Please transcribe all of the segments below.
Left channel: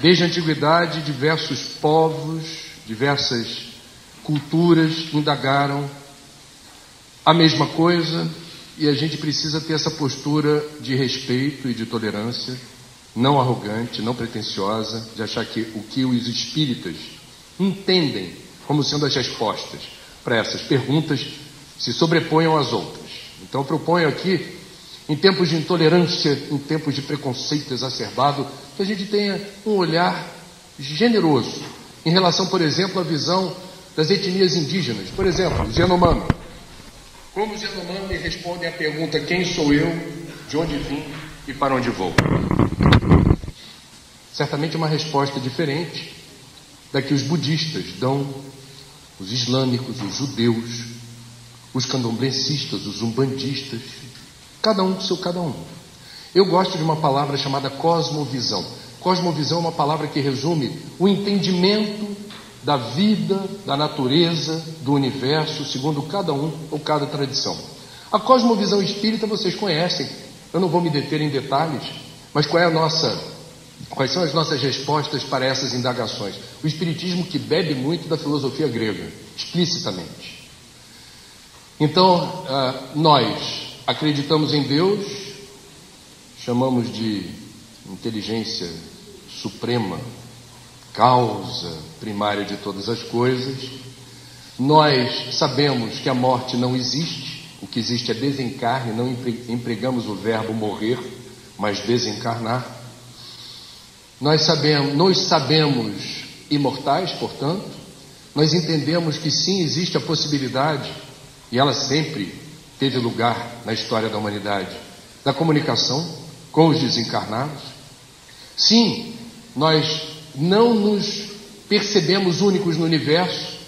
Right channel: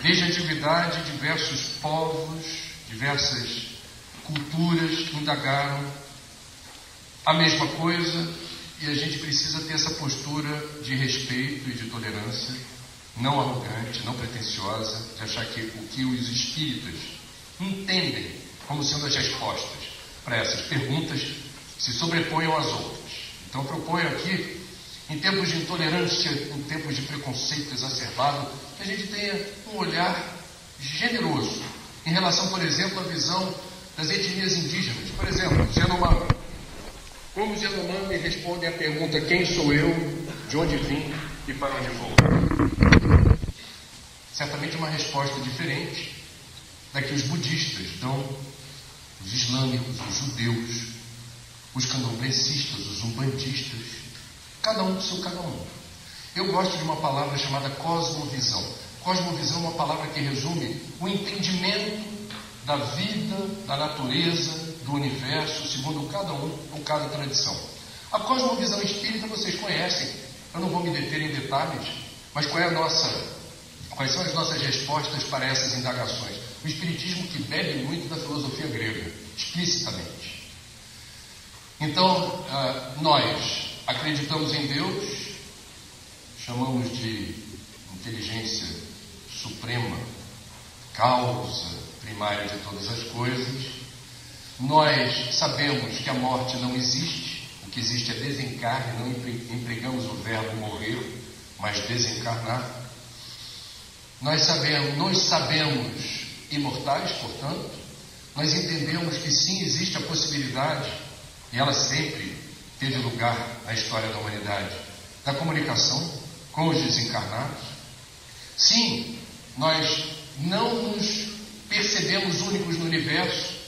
Desde a antiguidade, diversos povos, diversas culturas indagaram a mesma coisa, e a gente precisa ter essa postura de respeito e de tolerância, não arrogante, não pretensiosa, de achar que o que os espíritas entendem como sendo as respostas para essas perguntas se sobreponham às outras. Então eu proponho aqui, em tempos de intolerância, em tempos de preconceito exacerbado, que a gente tenha um olhar generoso em relação, por exemplo, à visão das etnias indígenas. Por exemplo, os Yanomami. Como os Yanomami respondem à pergunta: quem sou eu, de onde vim e para onde vou? Certamente uma resposta diferente da que os budistas dão, os islâmicos, os judeus, os candomblecistas, os umbandistas, cada um com seu cada um. Eu gosto de uma palavra chamada cosmovisão. Cosmovisão é uma palavra que resume o entendimento da vida, da natureza, do universo, segundo cada um ou cada tradição. A cosmovisão espírita vocês conhecem, eu não vou me deter em detalhes, mas quais são as nossas respostas para essas indagações? O espiritismo que bebe muito da filosofia grega, explicitamente. Então, nós acreditamos em Deus, chamamos de inteligência suprema, causa primária de todas as coisas. Nós sabemos que a morte não existe, o que existe é desencarne, não empregamos o verbo morrer, mas desencarnar. Nós sabemos imortais, portanto, nós entendemos que sim, existe a possibilidade, e ela sempre teve lugar na história da humanidade, da comunicação com os desencarnados. Sim, nós não nos percebemos únicos no universo,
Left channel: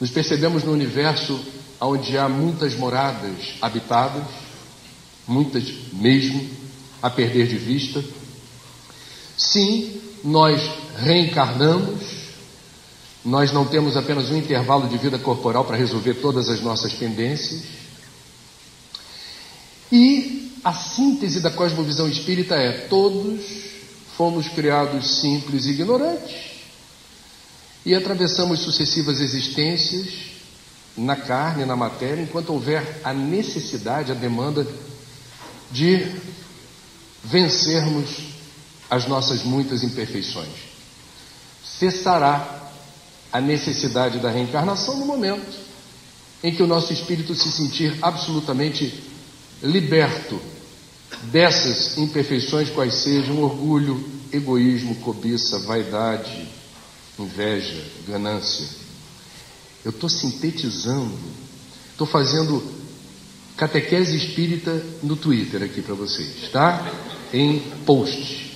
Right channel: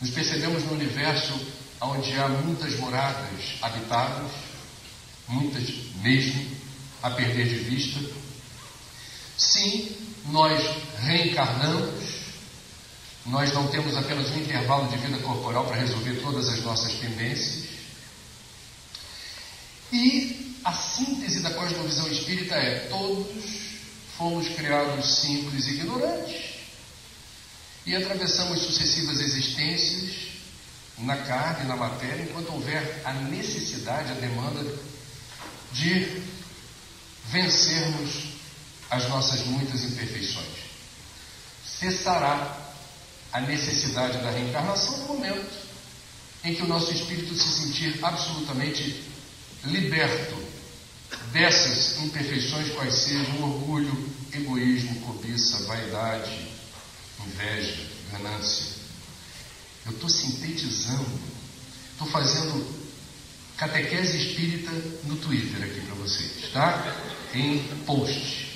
nos percebemos no universo onde há muitas moradas habitadas, muitas mesmo, a perder de vista. Sim, nós reencarnamos, nós não temos apenas um intervalo de vida corporal para resolver todas as nossas pendências. E a síntese da cosmovisão espírita é: todos fomos criados simples e ignorantes e atravessamos sucessivas existências na carne, na matéria, enquanto houver a necessidade, a demanda de vencermos as nossas muitas imperfeições. Cessará a necessidade da reencarnação no momento em que o nosso espírito se sentir absolutamente liberto dessas imperfeições, quais sejam orgulho, egoísmo, cobiça, vaidade, inveja, ganância. Eu estou sintetizando, estou fazendo catequese espírita no Twitter aqui para vocês, tá? Em post.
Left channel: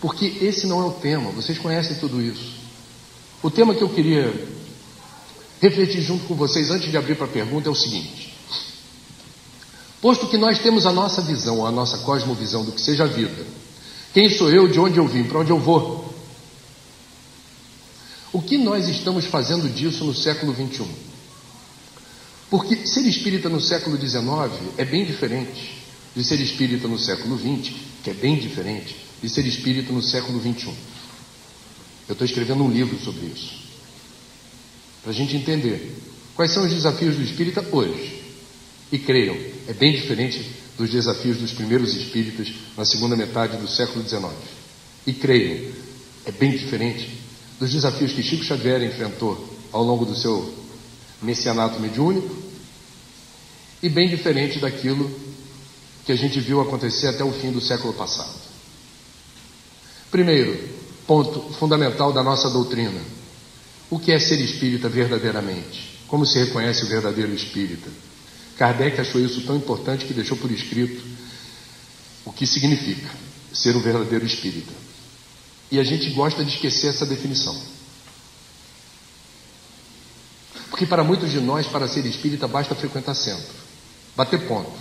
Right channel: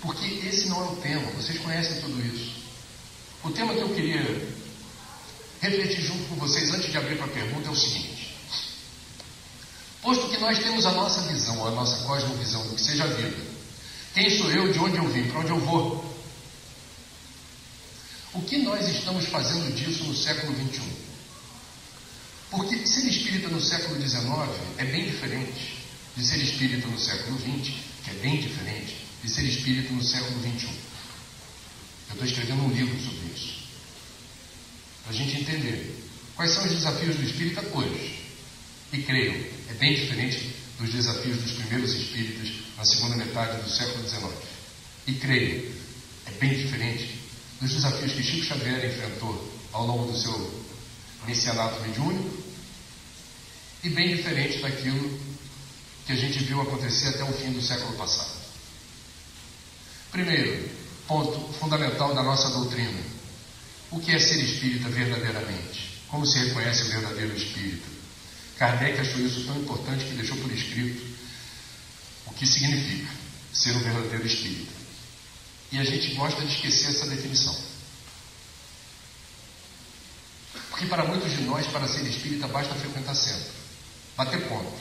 Porque esse não é o tema, vocês conhecem tudo isso. O tema que eu queria refletir junto com vocês antes de abrir para a pergunta é o seguinte: posto que nós temos a nossa visão, a nossa cosmovisão do que seja a vida, quem sou eu, de onde eu vim, para onde eu vou, o que nós estamos fazendo disso no século XXI? Porque ser espírita no século XIX é bem diferente de ser espírita no século XX, que é bem diferente de ser espírita no século XXI. Eu estou escrevendo um livro sobre isso, para a gente entender quais são os desafios do espírita hoje. E creiam, é bem diferente dos desafios dos primeiros espíritas na segunda metade do século XIX. E creiam, é bem diferente dos desafios que Chico Xavier enfrentou ao longo do seu messianato mediúnico, e bem diferente daquilo que a gente viu acontecer até o fim do século passado. Primeiro ponto fundamental da nossa doutrina: o que é ser espírita verdadeiramente? Como se reconhece o verdadeiro espírita? Kardec achou isso tão importante que deixou por escrito o que significa ser o verdadeiro espírita. E a gente gosta de esquecer essa definição. Porque para muitos de nós, para ser espírita, basta frequentar centro, bater ponto,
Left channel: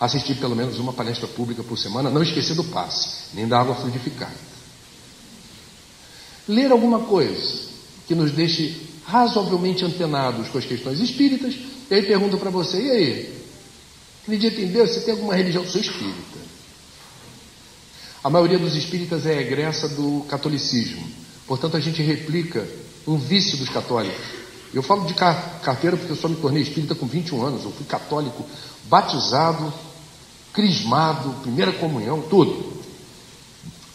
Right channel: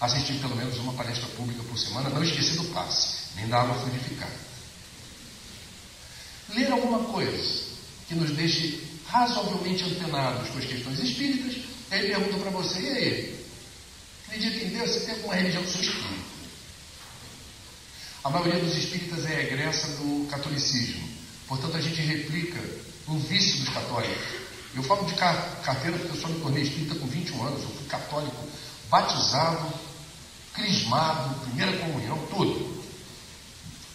assistir pelo menos uma palestra pública por semana, não esquecer do passe, nem da água fluidificada. Ler alguma coisa que nos deixe razoavelmente antenados com as questões espíritas. E aí pergunto para você: e aí? Acredita em Deus? Você tem alguma religião? Sou espírita. A maioria dos espíritas é egressa do catolicismo. Portanto, a gente replica um vício dos católicos. Eu falo de carteira porque eu só me tornei espírita com 21 anos. Eu fui católico, batizado, crismado, primeira comunhão, tudo.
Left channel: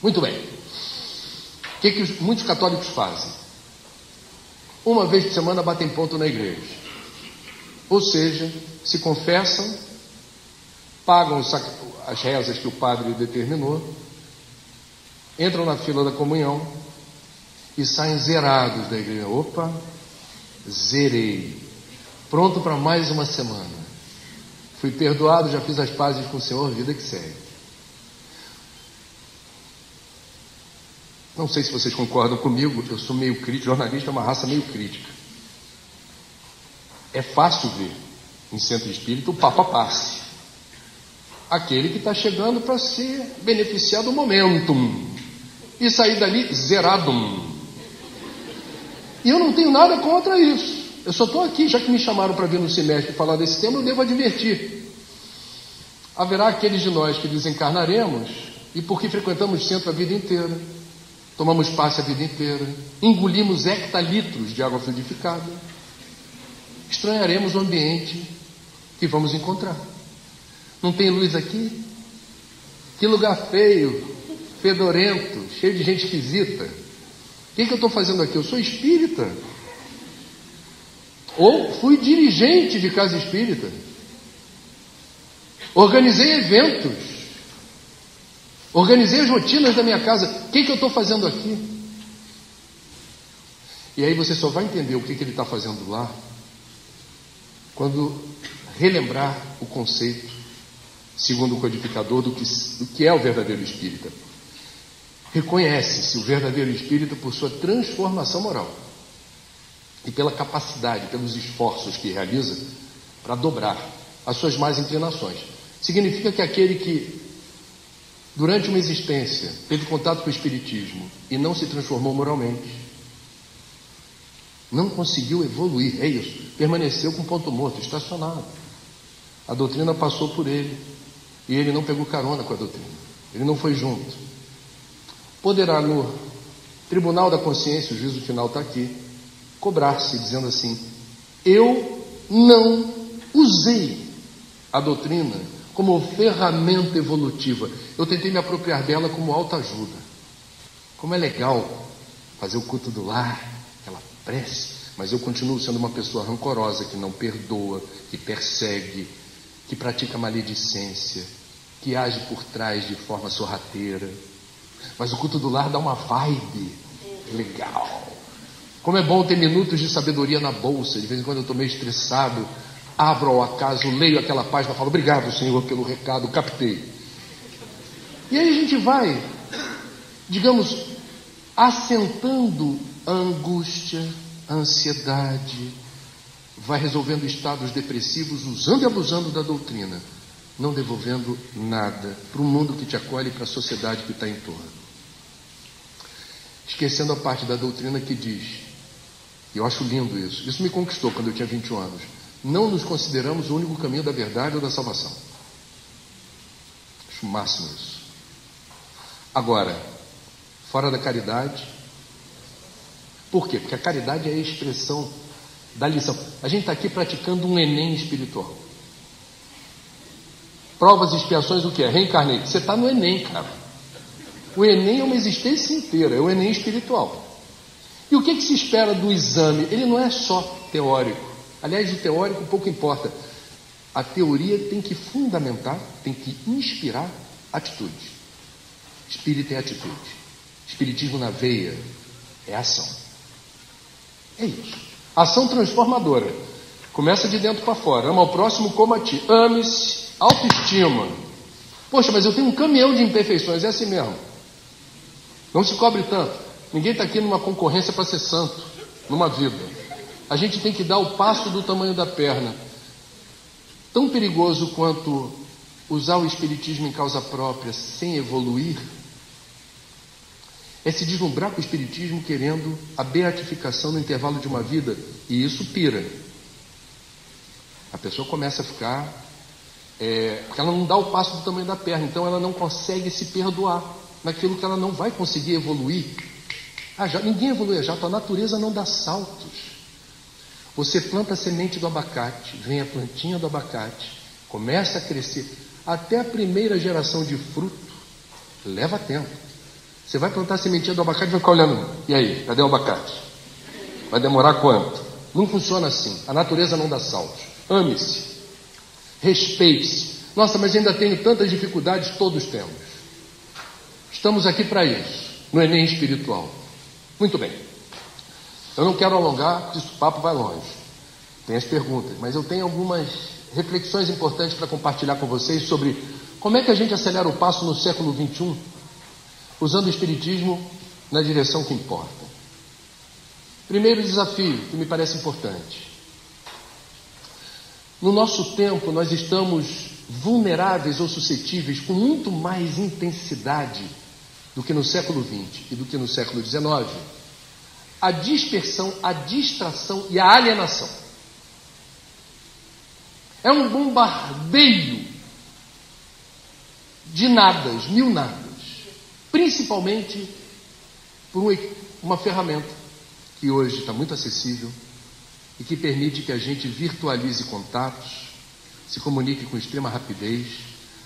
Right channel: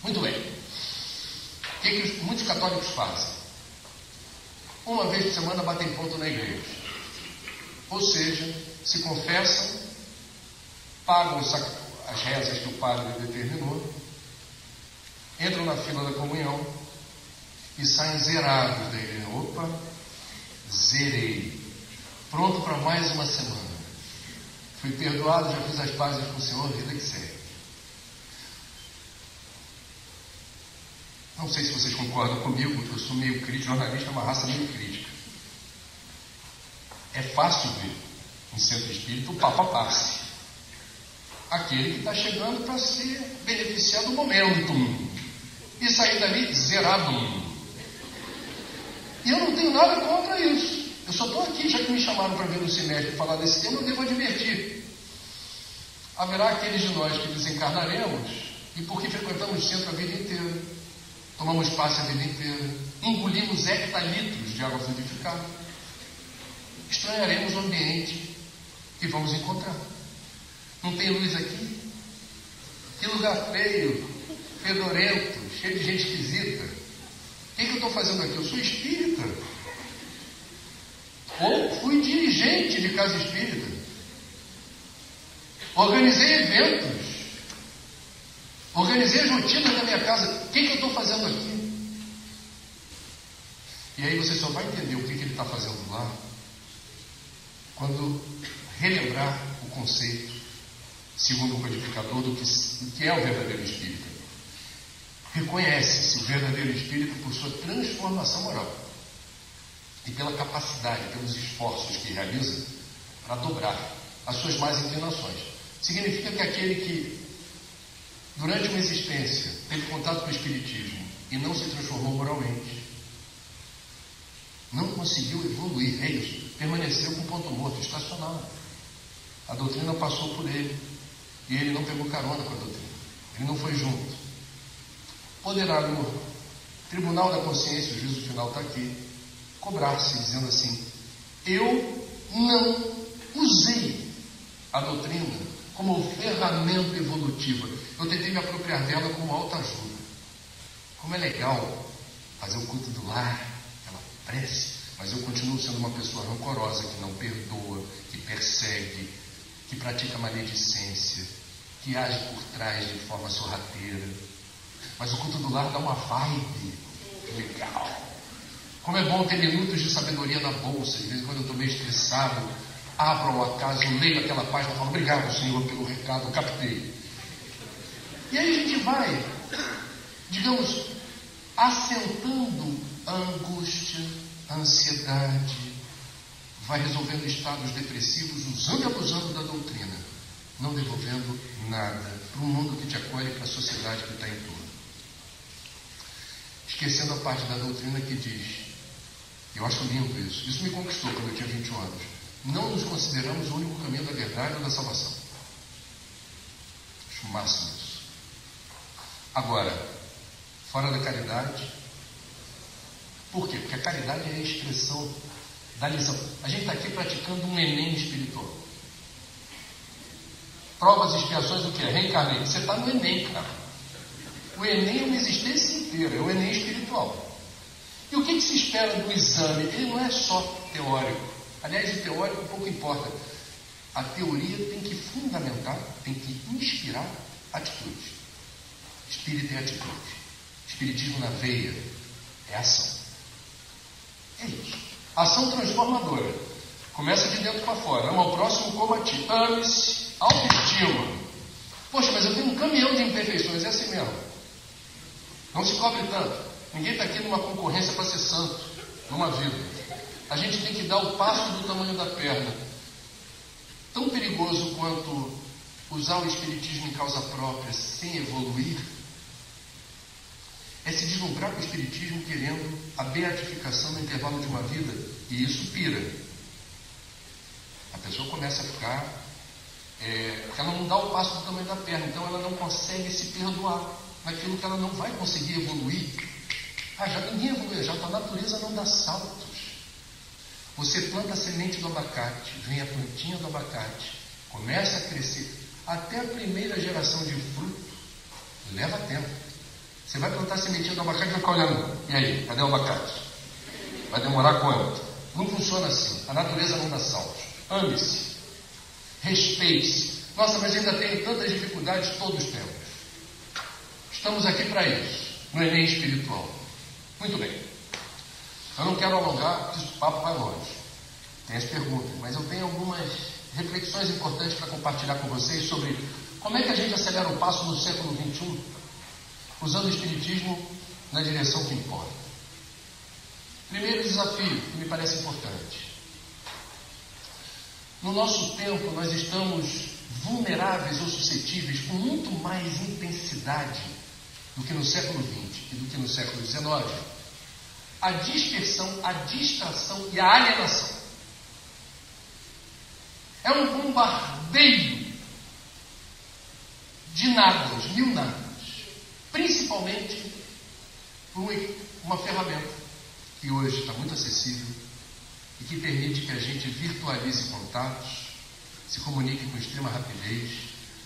Muito bem. O que muitos católicos fazem? Uma vez por semana batem ponto na igreja. Ou seja, se confessam, pagam as rezas que o padre determinou, entram na fila da comunhão e saem zerados da igreja. Opa, zerei. Pronto para mais uma semana. Fui perdoado, já fiz as pazes com o Senhor, vida que segue. Não sei se vocês concordam comigo, eu sou meio crítico, jornalista é uma raça meio crítica. É fácil ver em centro espírita o Papa Passe. Aquele que está chegando para ser beneficiado do momentum. E sair dali zerado. E eu não tenho nada contra isso. Eu só estou aqui, já que me chamaram para vir no semestre falar desse tema, eu devo advertir. Haverá aqueles de nós que desencarnaremos e porque frequentamos centro a vida inteira, tomamos passe a vida inteira, engolimos hectalitros de água fluidificada, estranharemos o ambiente que vamos encontrar. Não tem luz aqui? Que lugar feio, fedorento, cheio de gente esquisita. O que eu estou fazendo aqui? Eu sou espírita. Ou fui dirigente de casa espírita. Organizei eventos. Organizei as rotinas da minha casa. O que eu estou fazendo aqui? E aí você só vai entender o que ele está fazendo lá quando relembrar o conceito, segundo o codificador, do que é o verdadeiro espírita. Reconhece-se o verdadeiro espírita por sua transformação moral e pela capacidade, pelos esforços que realiza para dobrar as suas más inclinações. Significa que aquele que, durante uma existência, teve contato com o espiritismo e não se transformou moralmente, não conseguiu evoluir, é isso, permaneceu com ponto morto, estacionado. A doutrina passou por ele e ele não pegou carona com a doutrina, ele não foi junto. Poderá no tribunal da consciência, o juízo final está aqui, cobrar-se dizendo assim: eu não usei a doutrina como ferramenta evolutiva, eu tentei me apropriar dela como autoajuda. Como é legal fazer o culto do lar, aquela prece, mas eu continuo sendo uma pessoa rancorosa, que não perdoa, que persegue, que pratica maledicência, que age por trás de forma sorrateira. Mas o culto do lar dá uma vibe legal. Como é bom ter minutos de sabedoria na bolsa. De vez em quando eu estou meio estressado, abro ao acaso, leio aquela página e falo: obrigado, Senhor, pelo recado, captei. E aí a gente vai, digamos, assentando a angústia, a ansiedade, vai resolvendo estados depressivos, usando e abusando da doutrina, não devolvendo nada para o mundo que te acolhe e para a sociedade que está em torno. Esquecendo a parte da doutrina que diz, e eu acho lindo isso me conquistou quando eu tinha 21 anos, não nos consideramos o único caminho da verdade ou da salvação. Acho o máximo isso. Agora, fora da caridade, por quê? Porque a caridade é a expressão da lição. A gente está aqui praticando um Enem espiritual. Provas e expiações, o que é? Reencarnei. Você está no Enem, cara. O Enem é uma existência inteira, é o Enem espiritual. E o que se espera do exame? Ele não é só teórico. Aliás, o teórico pouco importa. A teoria tem que fundamentar, tem que inspirar atitude. Espírito é atitude. Espiritismo na veia é ação. É isso. Ação transformadora. Começa de dentro para fora. Ama ao próximo como a ti. Ame-se. Autoestima. Poxa, mas eu tenho um caminhão de imperfeições. É assim mesmo. Não se cobre tanto. Ninguém está aqui numa concorrência para ser santo, numa vida. A gente tem que dar o passo do tamanho da perna. Tão perigoso quanto usar o espiritismo em causa própria sem evoluir é se deslumbrar com o espiritismo querendo a beatificação no intervalo de uma vida, e isso pira. A pessoa começa a ficar porque ela não dá o passo do tamanho da perna, então ela não consegue se perdoar. naquilo que ela não vai conseguir evoluir. Ninguém evolui a jato, a natureza não dá saltos. Você planta a semente do abacate, vem a plantinha do abacate, começa a crescer, até a primeira geração de fruto, leva tempo. Você vai plantar a sementinha do abacate e vai ficar olhando, e aí, cadê o abacate? Vai demorar quanto? Não funciona assim, a natureza não dá saltos. Ame-se, respeite-se. Nossa, mas ainda tenho tantas dificuldades, todos temos. Estamos aqui para isso, no Enem espiritual. Muito bem. Eu não quero alongar, porque o papo vai longe. Tem as perguntas, mas eu tenho algumas reflexões importantes para compartilhar com vocês sobre como é que a gente acelera o passo no século XXI, usando o Espiritismo na direção que importa. Primeiro desafio, que me parece importante. No nosso tempo, nós estamos vulneráveis ou suscetíveis com muito mais intensidade do que no século XX e do que no século XIX, a dispersão, a distração e a alienação. É um bombardeio de nadas, mil nadas, principalmente por uma ferramenta que hoje está muito acessível e que permite que a gente virtualize contatos, se comunique com extrema rapidez,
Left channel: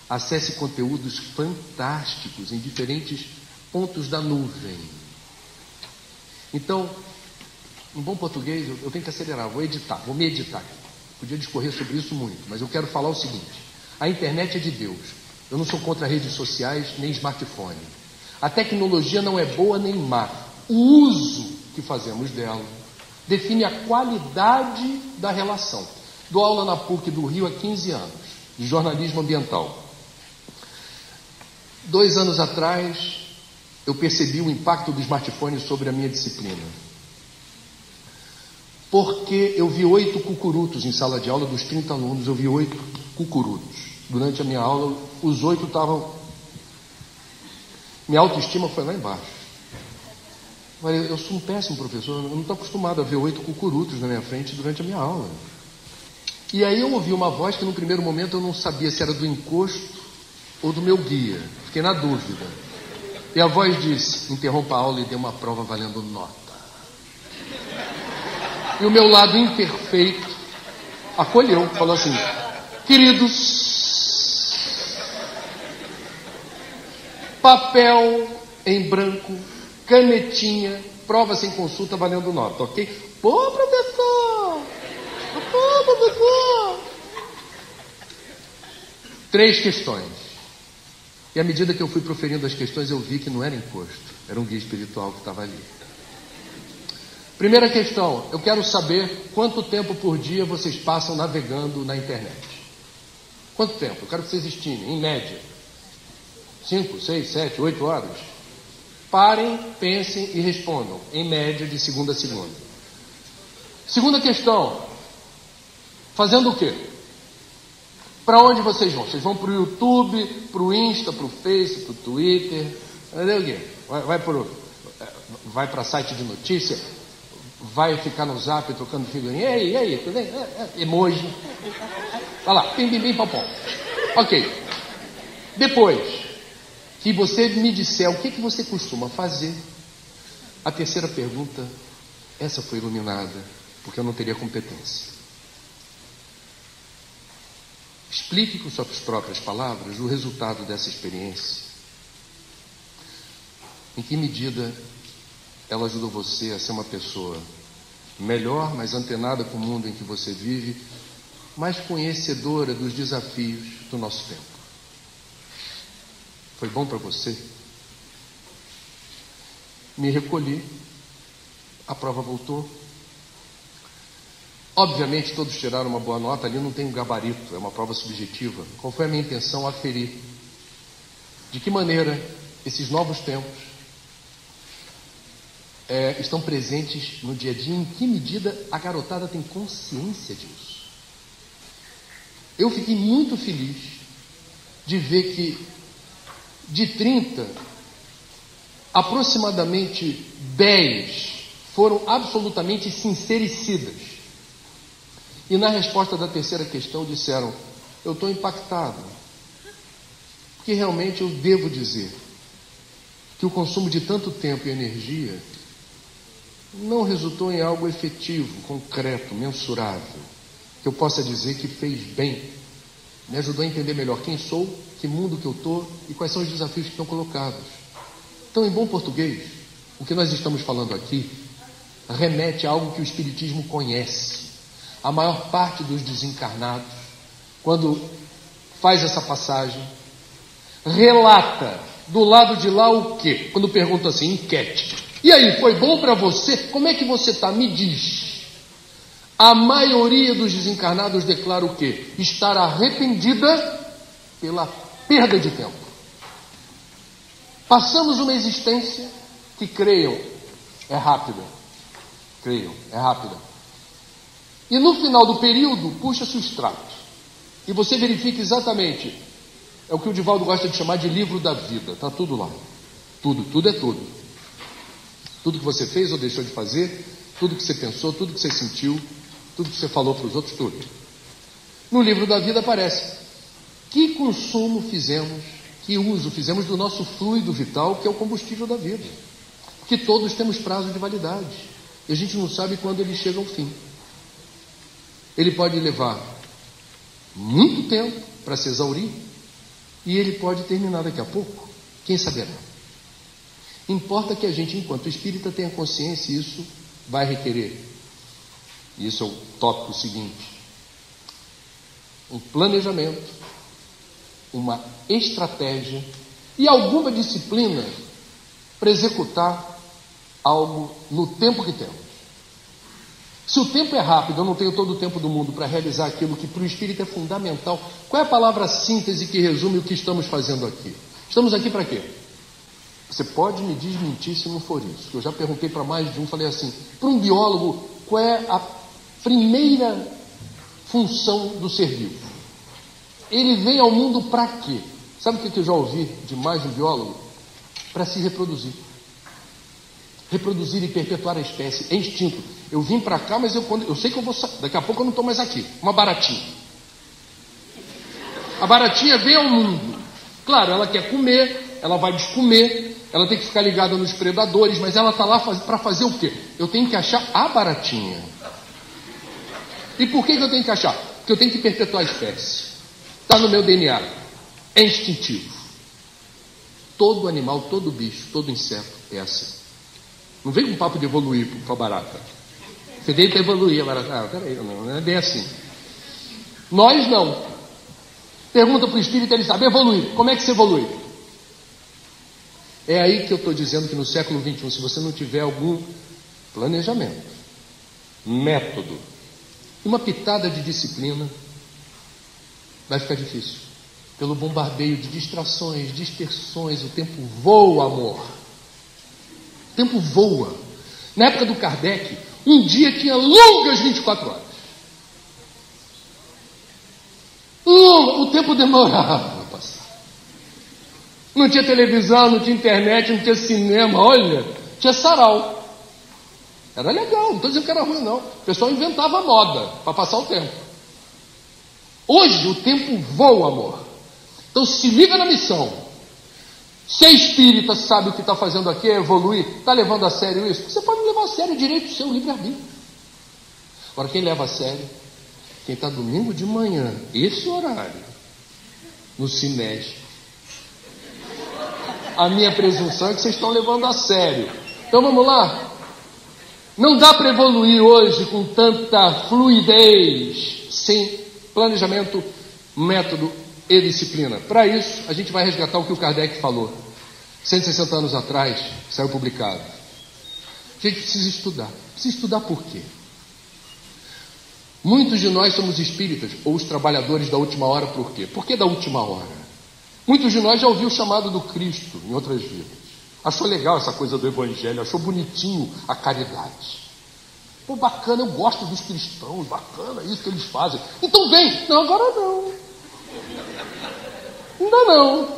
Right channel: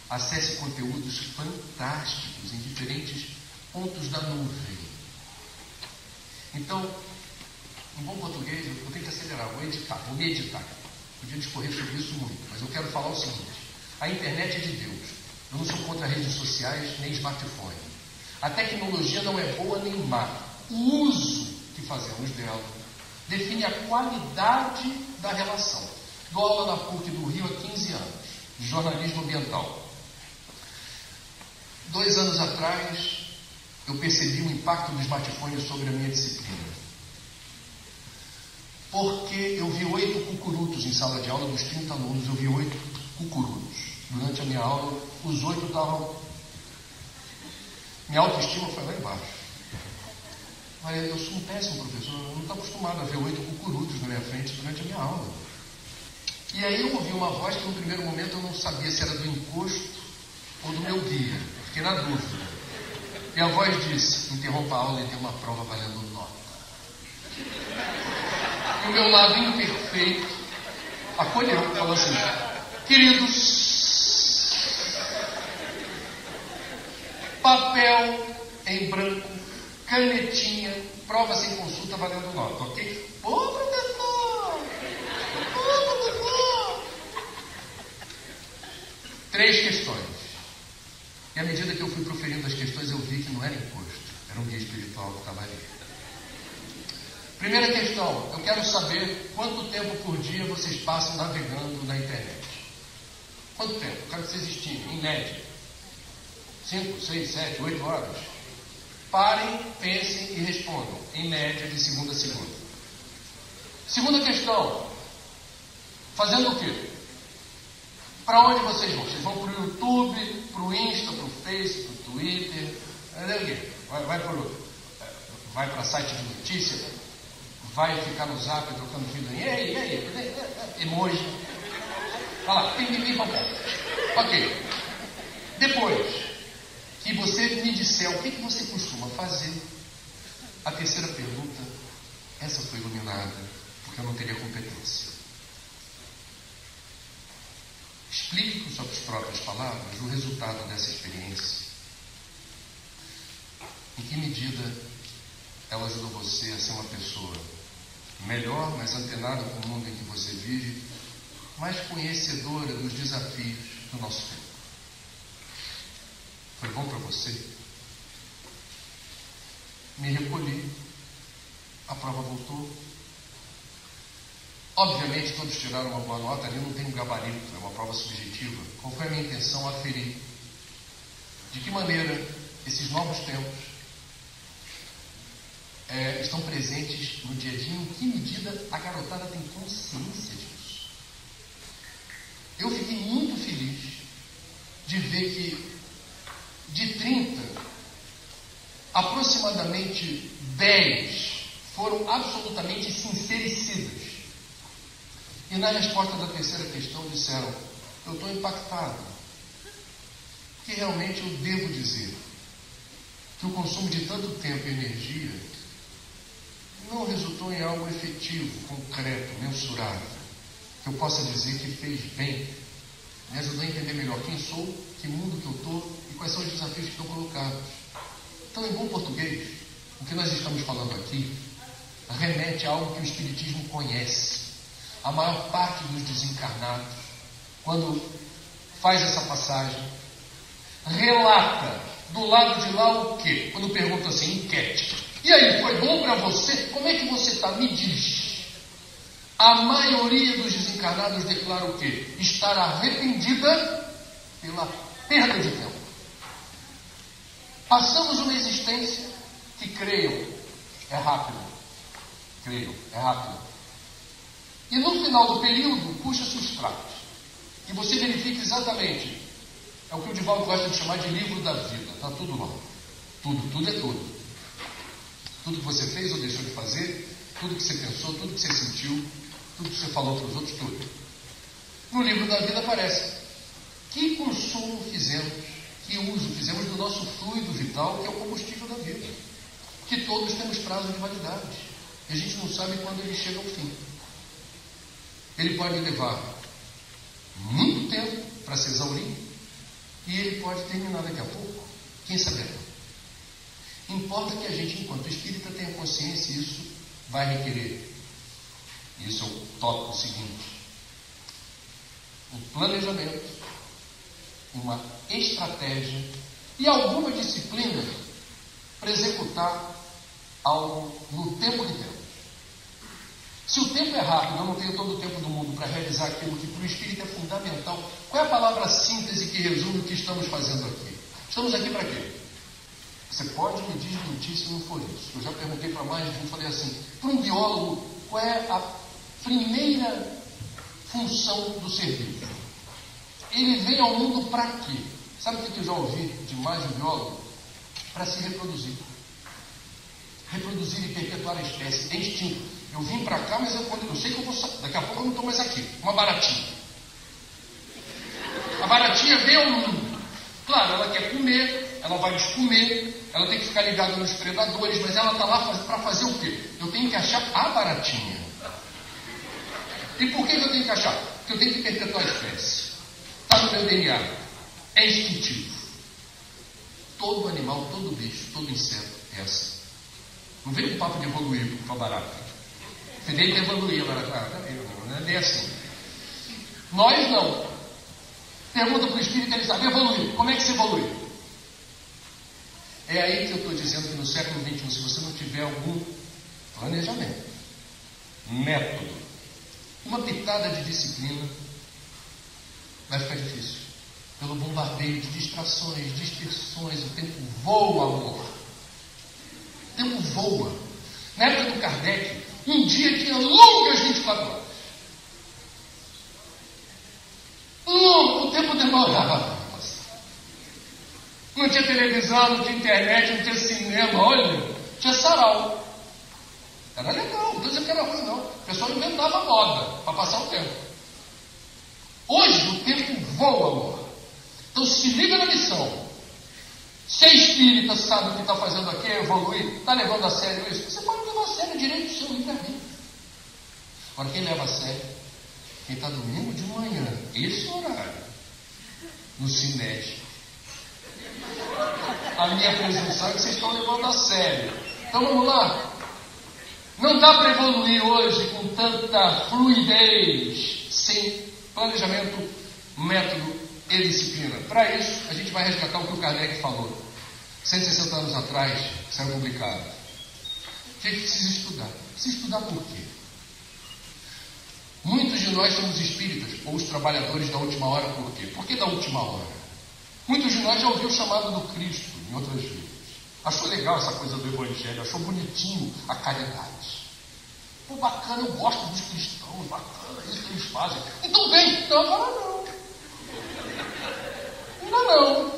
acesse conteúdos fantásticos em diferentes pontos da nuvem. Então, em bom português, eu tenho que acelerar, vou me editar. Podia discorrer sobre isso muito, mas eu quero falar o seguinte: a internet é de Deus. Eu não sou contra redes sociais nem smartphone. A tecnologia não é boa nem má. O uso que fazemos dela define a qualidade da relação. Dou aula na PUC do Rio há 15 anos, de jornalismo ambiental. 2 anos atrás, eu percebi o impacto do smartphone sobre a minha disciplina. Porque eu vi 8 cucurutos em sala de aula, dos 30 alunos, eu vi 8 cucurutos. Durante a minha aula, os 8 estavam... Minha autoestima foi lá embaixo. Mas eu sou um péssimo professor, eu não estou acostumado a ver 8 cucurutos na minha frente durante a minha aula. E aí eu ouvi uma voz que no primeiro momento eu não sabia se era do encosto ou do meu guia. Fiquei na dúvida. E a voz disse: interrompa a aula e dê uma prova valendo nota. E o meu lado imperfeito acolheu, falou assim: queridos, papel em branco, canetinha, prova sem consulta valendo nota, ok? Pô, professor! Pô, professor! 3 questões. E à medida que eu fui proferindo as questões, eu vi que não era encosto, era um guia espiritual que estava ali. Primeira questão: eu quero saber quanto tempo por dia vocês passam navegando na internet. Quanto tempo? Eu quero que vocês estimem, em média. 5, 6, 7, 8 horas? Parem, pensem e respondam, em média, de segunda a segunda. Segunda questão: fazendo o quê? Para onde vocês vão? Vocês vão para o YouTube, para o Insta, para o Face, para o Twitter? Vai para site de notícia? Vai ficar no Zap trocando figurinha? E aí? Emoji. Olha lá, pim, papom. Ok. Depois que você me disser o que você costuma fazer, a terceira pergunta, essa foi iluminada, porque eu não teria competência. Explique com suas próprias palavras o resultado dessa experiência. Em que medida ela ajudou você a ser uma pessoa melhor, mais antenada com o mundo em que você vive, mais conhecedora dos desafios do nosso tempo? Foi bom para você? Me recolhi, a prova voltou. Obviamente todos tiraram uma boa nota, ali não tem um gabarito, é uma prova subjetiva. Qual foi a minha intenção? Aferir de que maneira esses novos tempos estão presentes no dia a dia, em que medida a garotada tem consciência disso. Eu fiquei muito feliz de ver que de 30, aproximadamente 10 foram absolutamente sincericidas. E na resposta da terceira questão disseram: eu estou impactado, porque realmente eu devo dizer que o consumo de tanto tempo e energia não resultou em algo efetivo, concreto, mensurável, que eu possa dizer que fez bem, me ajudou a entender melhor quem sou, que mundo que eu estou e quais são os desafios que estão colocados. Então, em bom português, o que nós estamos falando aqui remete a algo que o Espiritismo conhece. A maior parte dos desencarnados, quando faz essa passagem, relata do lado de lá o quê? Quando pergunta assim, enquete. E aí, foi bom para você? Como é que você está? Me diz. A maioria dos desencarnados declara o quê? Estar arrependida pela perda de tempo. Passamos uma existência que, creiam, é rápida. Creiam, é rápida. E no final do período, puxa-se o extrato. E você verifica exatamente, é o que o Divaldo gosta de chamar de livro da vida. Está tudo lá. Tudo é tudo. Tudo que você fez ou deixou de fazer, tudo que você pensou, tudo que você sentiu, tudo que você falou para os outros, tudo. No livro da vida aparece que consumo fizemos, que uso fizemos do nosso fluido vital, que é o combustível da vida. Que todos temos prazo de validade. E a gente não sabe quando ele chega ao fim. Ele pode levar muito tempo para se exaurir e ele pode terminar daqui a pouco. Quem saberá? Importa que a gente, enquanto espírita, tenha consciência e isso vai requerer. Isso é o tópico seguinte. Um planejamento, uma estratégia e alguma disciplina para executar algo no tempo que temos. Se o tempo é rápido, eu não tenho todo o tempo do mundo para realizar aquilo que para o espírito é fundamental. Qual é a palavra síntese que resume o que estamos fazendo aqui? Estamos aqui para quê? Você pode me desmentir se não for isso. Eu já perguntei para mais de um, falei assim, para um biólogo, qual é a primeira função do ser vivo? Ele vem ao mundo para quê? Sabe o que eu já ouvi de mais de um biólogo? Para se reproduzir. Reproduzir e perpetuar a espécie. É instinto. Eu vim para cá, mas eu sei que eu vou sair. Daqui a pouco eu não estou mais aqui. Uma baratinha. A baratinha vem ao mundo. Claro, ela quer comer, ela vai descomer, ela tem que ficar ligada nos predadores, mas ela está lá para fazer o quê? Eu tenho que achar a baratinha. E por que eu tenho que achar? Porque eu tenho que perpetuar a espécie. Está no meu DNA. É instintivo. Todo animal, todo bicho, todo inseto é assim. Não vem com papo de evoluir para a barata. Você veio para evoluir a barata. Ah, peraí, não é bem assim. Nós não. Pergunta para o espírito, ele sabe evoluir. Como é que se evolui? É aí que eu estou dizendo que no século XXI, se você não tiver algum planejamento, método, uma pitada de disciplina, vai ficar difícil. Pelo bombardeio de distrações, dispersões, o tempo voa, amor. O tempo voa. Na época do Kardec, um dia tinha longas 24 horas. O tempo demorava para passar. Não tinha televisão, não tinha internet, não tinha cinema. Olha, tinha sarau. Era legal, não estou dizendo que era ruim, não. O pessoal inventava moda para passar o tempo. Hoje o tempo voa, amor. Então se liga na missão. Ser espírita, sabe o que está fazendo aqui, é evoluir, está levando a sério isso? Você pode levar a sério o direito do seu livre-arbítrio. Agora, quem leva a sério? Quem está domingo de manhã, esse horário, no Cined. A minha presunção é que vocês estão levando a sério. Então vamos lá. Não dá para evoluir hoje com tanta fluidez, sem planejamento, método e disciplina. Para isso, a gente vai resgatar o que o Kardec falou 160 anos atrás, saiu publicado. A gente precisa estudar. Precisa estudar por quê? Muitos de nós somos espíritas, ou os trabalhadores da última hora, por quê? Por que da última hora? Muitos de nós já ouviu o chamado do Cristo em outras vidas. Achou legal essa coisa do Evangelho, achou bonitinho a caridade. Pô, bacana, eu gosto dos cristãos, bacana isso que eles fazem. Então vem. Não, agora não. Ainda não.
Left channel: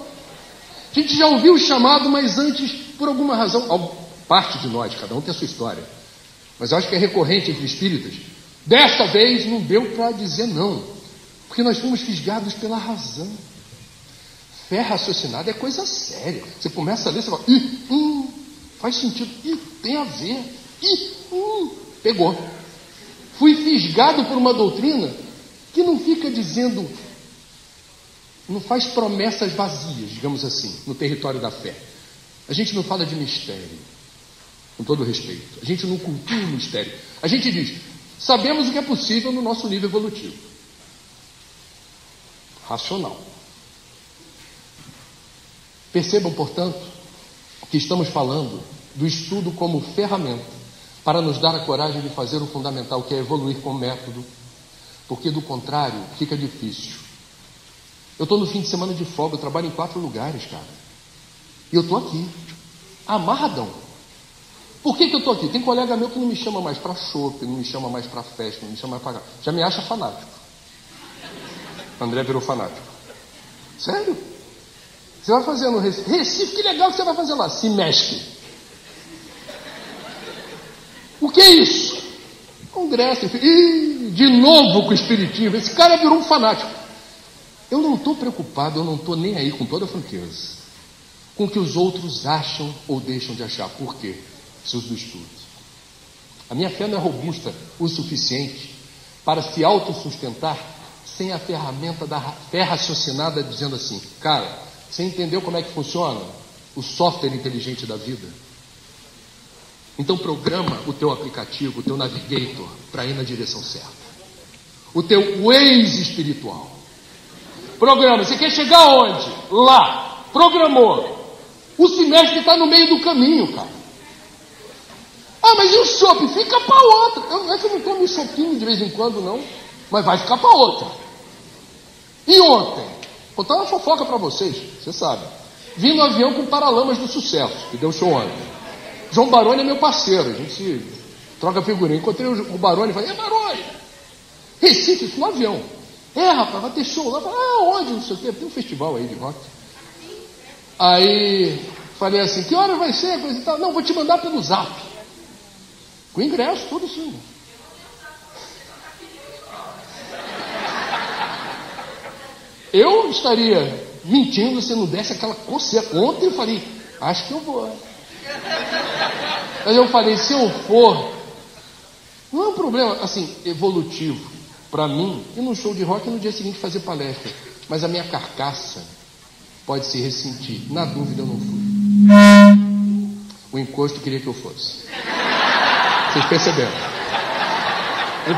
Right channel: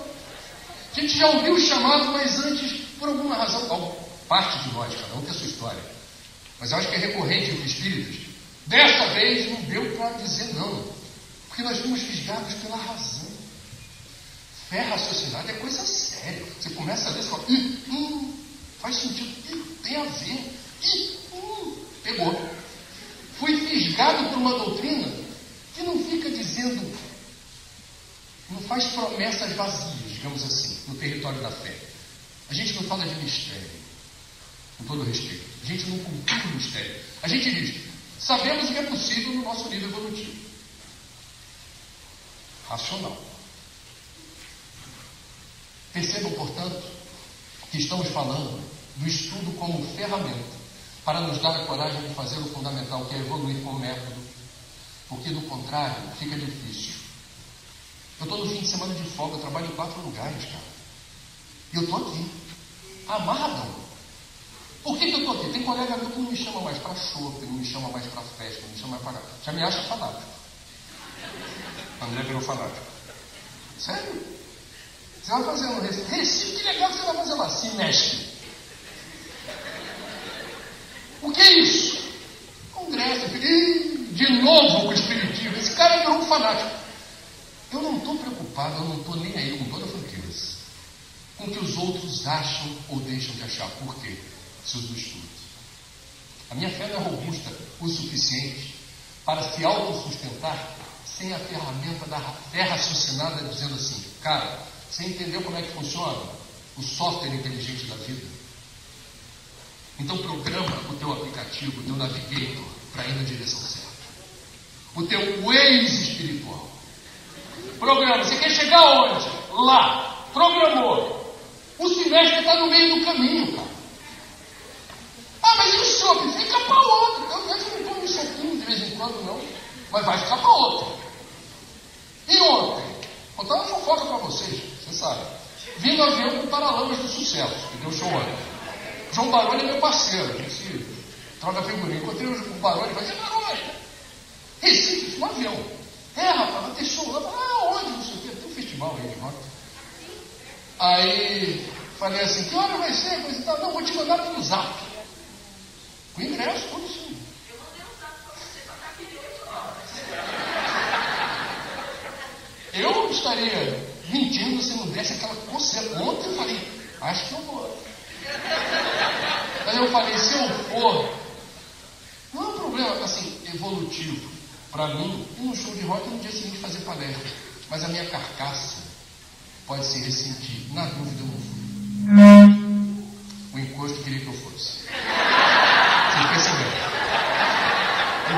A gente já ouviu o chamado, mas antes, por alguma razão, parte de nós, cada um tem a sua história, mas eu acho que é recorrente entre espíritas. Desta vez não deu para dizer não, porque nós fomos fisgados pela razão. Fé raciocinada é coisa séria. Você começa a ler, você fala, faz sentido, tem a ver, pegou. Fui fisgado por uma doutrina que não fica dizendo, não faz promessas vazias, digamos assim, no território da fé. A gente não fala de mistério, com todo respeito. A gente não cultua o mistério. A gente diz, sabemos o que é possível no nosso nível evolutivo. Racional. Percebam, portanto, que estamos falando do estudo como ferramenta para nos dar a coragem de fazer o fundamental, que é evoluir com método, porque do contrário fica difícil. Eu estou no fim de semana de folga, eu trabalho em 4 lugares, cara. E eu estou aqui, amarradão. Por que eu estou aqui? Tem colega meu que não me chama mais para shopping, não me chama mais para festa, não me chama mais para... Já me acha fanático. André virou fanático. Sério? Você vai fazer no Recife. Recife, que legal que você vai fazer lá. Se mexe. O que é isso? Congresso. De novo com o espiritismo. Esse cara virou um fanático. Eu não estou preocupado, eu não estou nem aí, com toda a franqueza, com o que os outros acham ou deixam de achar. Por quê? Seus estudos. A minha fé não é robusta o suficiente para se autossustentar sem a ferramenta da fé raciocinada, dizendo assim, cara, você entendeu como é que funciona o software inteligente da vida? Então programa o teu aplicativo, o teu navigator, para ir na direção certa. O teu Waze espiritual. Programa, você quer chegar aonde? Lá. Programou. O semestre está no meio do caminho, cara. Ah, mas e o chopp? Fica para outra. Eu não tomo um chopinho de vez em quando, não. Mas vai ficar para outra. E ontem? Vou contar uma fofoca para vocês, você sabe. Vim no avião com o Paralamas do Sucesso, que deu show ontem. João Baroni é meu parceiro, a gente troca figurinha. Encontrei o Baroni e falei, Baroni, Recife, isso no avião. Rapaz, vai ter show lá. Onde? Não sei o quê, tem um festival aí de rock. Aí falei assim, que hora vai ser? Não, vou te mandar pelo zap. Com ingresso, tudo assim. Eu estaria mentindo se não desse aquela coceira. Ontem eu falei, acho que eu vou. Mas eu falei, se eu for, não é um problema, assim, evolutivo para mim, ir num show de rock e no dia seguinte fazer palestra. Mas a minha carcaça pode se ressentir. Na dúvida, eu não fui. O encosto queria que eu fosse. Vocês perceberam?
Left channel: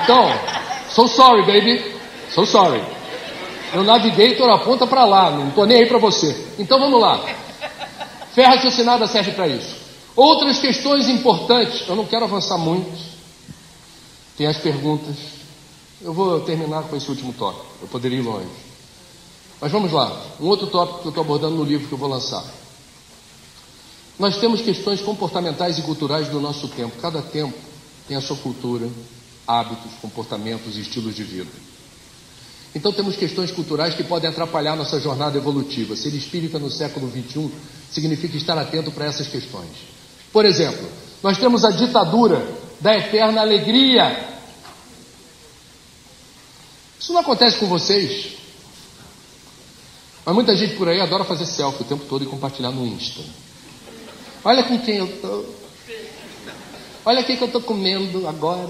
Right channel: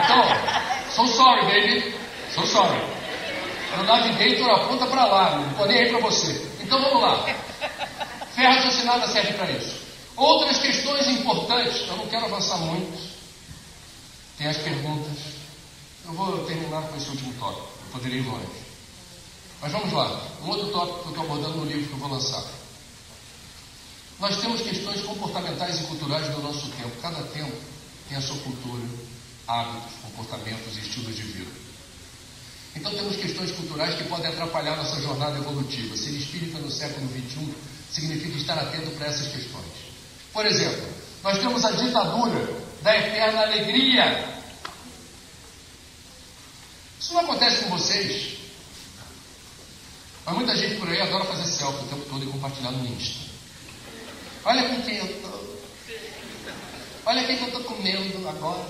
Então, so sorry, baby. So sorry. Meu navigator aponta para lá, não estou nem aí para você. Então vamos lá. Fé raciocinada serve para isso. Outras questões importantes, eu não quero avançar muito. Tem as perguntas. Eu vou terminar com esse último tópico. Eu poderia ir longe. Mas vamos lá. Um outro tópico que eu estou abordando no livro que eu vou lançar. Nós temos questões comportamentais e culturais do nosso tempo. Cada tempo tem a sua cultura, hábitos, comportamentos e estilos de vida. Então temos questões culturais que podem atrapalhar nossa jornada evolutiva. Ser espírita no século XXI significa estar atento para essas questões. Por exemplo, nós temos a ditadura da eterna alegria. Isso não acontece com vocês? Mas muita gente por aí adora fazer selfie o tempo todo e compartilhar no Insta. Olha com quem eu estou. Olha o que eu estou comendo agora.